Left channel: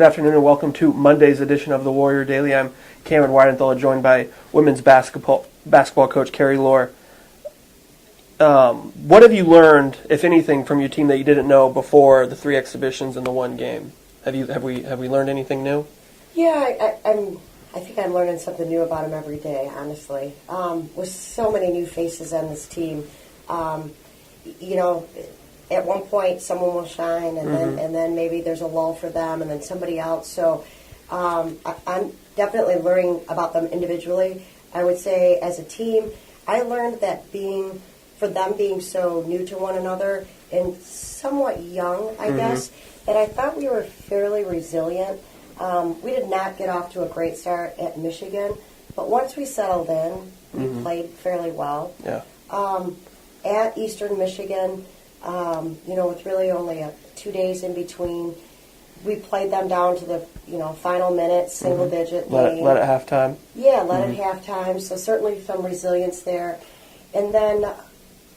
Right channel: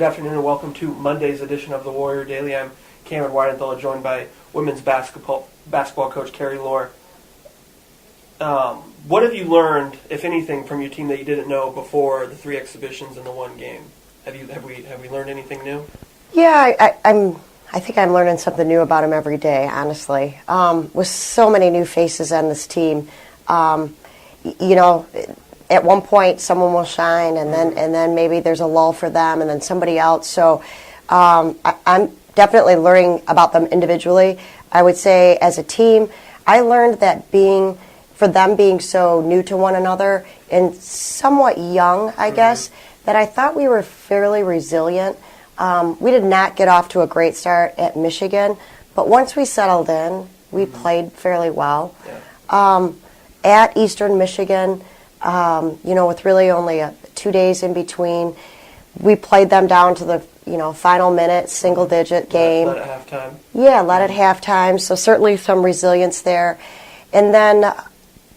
Good afternoon and welcome to Monday's edition of the Warrior Daily. I'm Cameron Weidenthal, joined by women's basketball coach Carrie Lohr. What have you learned, if anything, from your team that you didn't know before the 3 exhibitions and the 1 game? Have we learned anything new? Yeah, I think I'm learning something new about them every day, honestly. With so many new faces on this team, at one point someone will shine, and then maybe there's a lull for them, and then somebody else. So I'm definitely learning about them individually. I would say as a team, I learned that for them being so new to one another and somewhat young, I guess, that I thought we were fairly resilient. We did not get off to a great start at Michigan, but once we settled in, we played fairly well. Yeah. At Eastern Michigan, with really only 2 days in between, we played them down to the final minute, single-digit game. Let it halftime. Yeah, let it halftime. So certainly some resilience there. And then,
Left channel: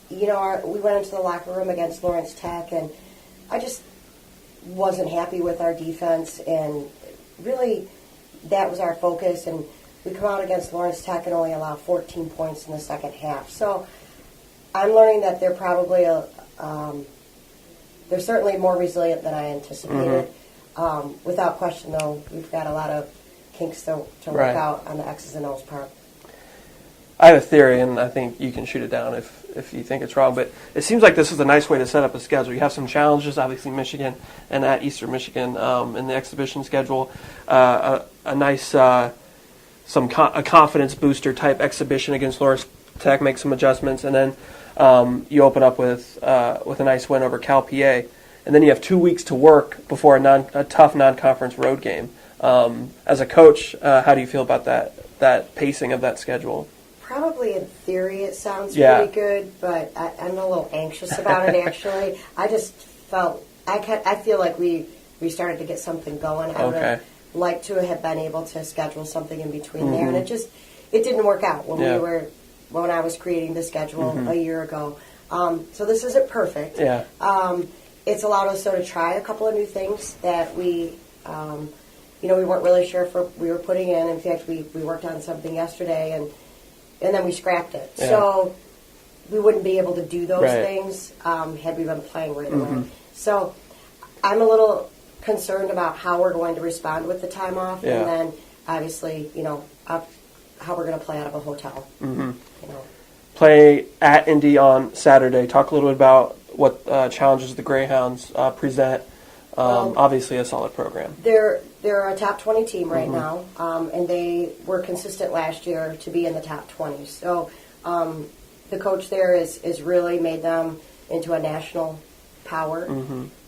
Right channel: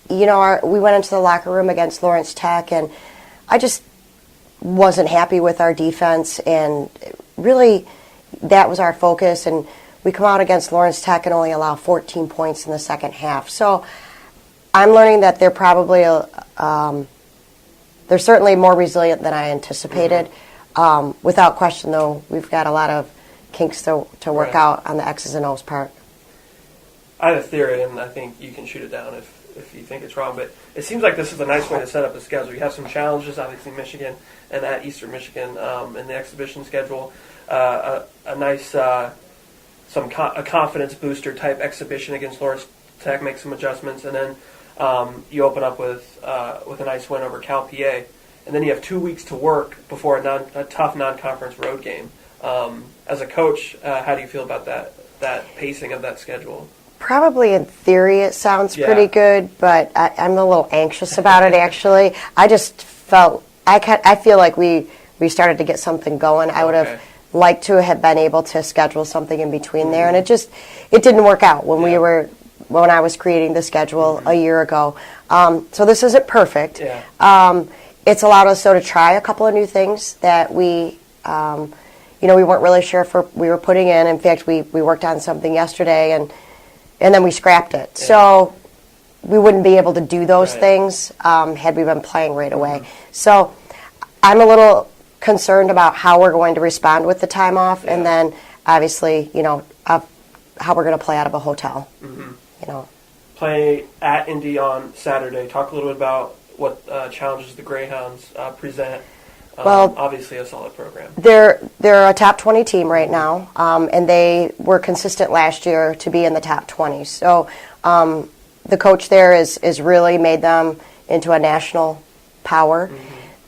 we went into the locker room against Lawrence Tech, and I just wasn't happy with our defense, and really that was our focus. And we come out against Lawrence Tech and only allow 14 points in the second half. So I'm learning that they're probably they're certainly more resilient than I anticipated. Without question, though, we've got a lot of kinks to work out on the X's and O's part. I have a theory, and I think you can shoot it down if you think it's wrong, but it seems like this is a nice way to set up a schedule. You have some challenges, obviously Michigan and at Eastern Michigan in the exhibition schedule. A nice a confidence booster type exhibition against Lawrence Tech, make some adjustments, and then you open up with a nice win over Cal PA, and then you have 2 weeks to work before a tough non-conference road game. As a coach, how do you feel about that pacing of that schedule? Probably in theory it sounds pretty good, but I'm a little anxious about it, actually. I just felt, I feel like we started to get something going. I would have liked to have been able to schedule something in between there, and it didn't work out when I was creating the schedule a year ago. So this isn't perfect. Yeah. It's allowed us to try a couple of new things that we weren't really sure if we were putting in. In fact, we worked on something yesterday, and then we scrapped it. Yeah. So we wouldn't be able to do those things had we been playing right away. So I'm a little concerned about how we're going to respond with the time off, and then obviously, how we're going to play out of a hotel. Play at Indy on Saturday. Talk a little bit about what challenges the Greyhounds present. Well, obviously a solid program. They're a top 20 team right now, and they were consistent last year to be in the top 20. So the coach there is really made them into a national power.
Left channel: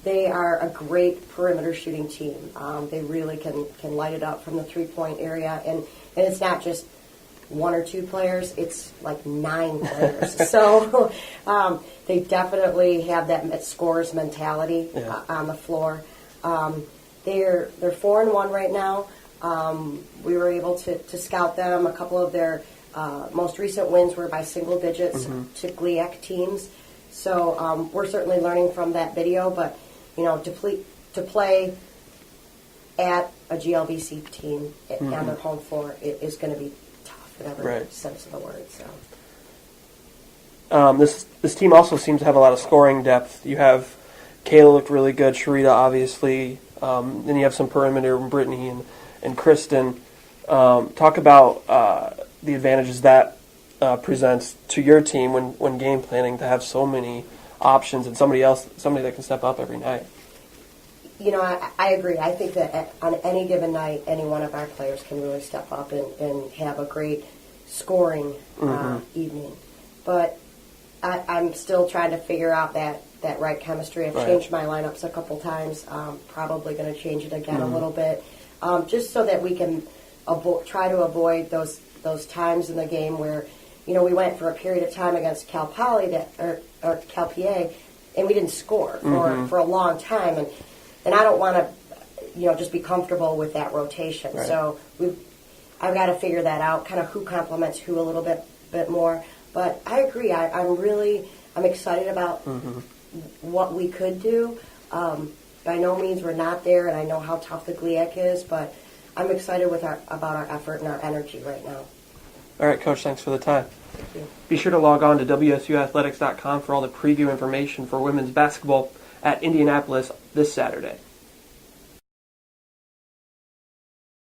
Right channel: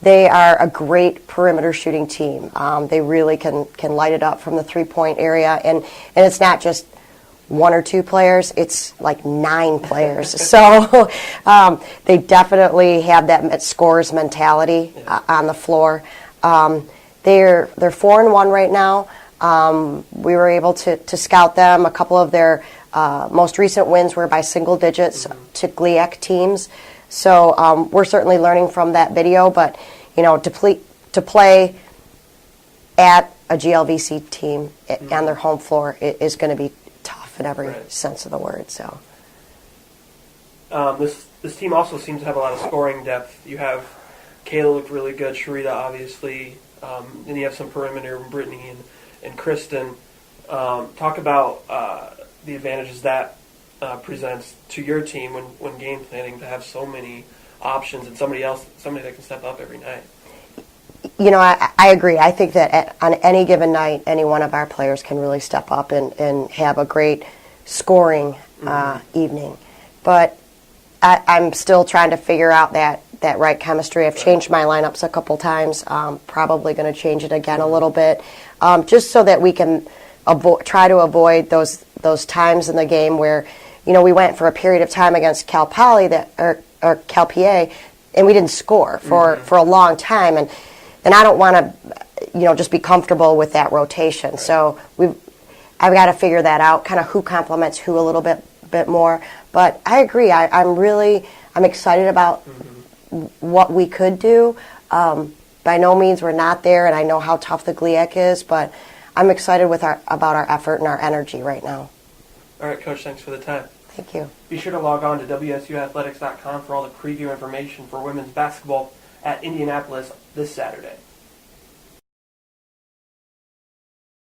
They are a great perimeter shooting team. They really can light it up from the three-point area, and it's not just 1 or 2 players, it's like 9 players. So they definitely have that scorers mentality on the floor. They're 4-1 right now. We were able to scout them. A couple of their most recent wins were by single digits to GLIAC teams. So we're certainly learning from that video, but to play at a GLVC team on their home floor is going to be in every sense of the word. So this team also seems to have a lot of scoring depth. You have Kayla looked really good, Sharita obviously, then you have some perimeter, Brittany and Kristen. Talk about the advantages that presents to your team when game planning, to have so many options and somebody that can step up every night. I agree. I think that on any given night, any one of our players can really step up and have a great scoring evening. But I'm still trying to figure out that right chemistry. I've changed my lineups a couple times. Probably going to change it again a little bit, just so that we can try to avoid those times in the game where, we went for a period of time against Cal Poly or Cal PA, and we didn't score for a long time. And I don't want to, just be comfortable with that rotation. Right. So I've got to figure that out, kind of who complements who a little bit more. But I agree. I'm excited about what we could do. by no means we're not there, and I know how tough the GLIAC is, but I'm excited about our effort and our energy right now. All right, Coach, thanks for the time. Thank you. Be sure to log on to WSUathletics.com for all the preview information for women's basketball at Indianapolis this Saturday.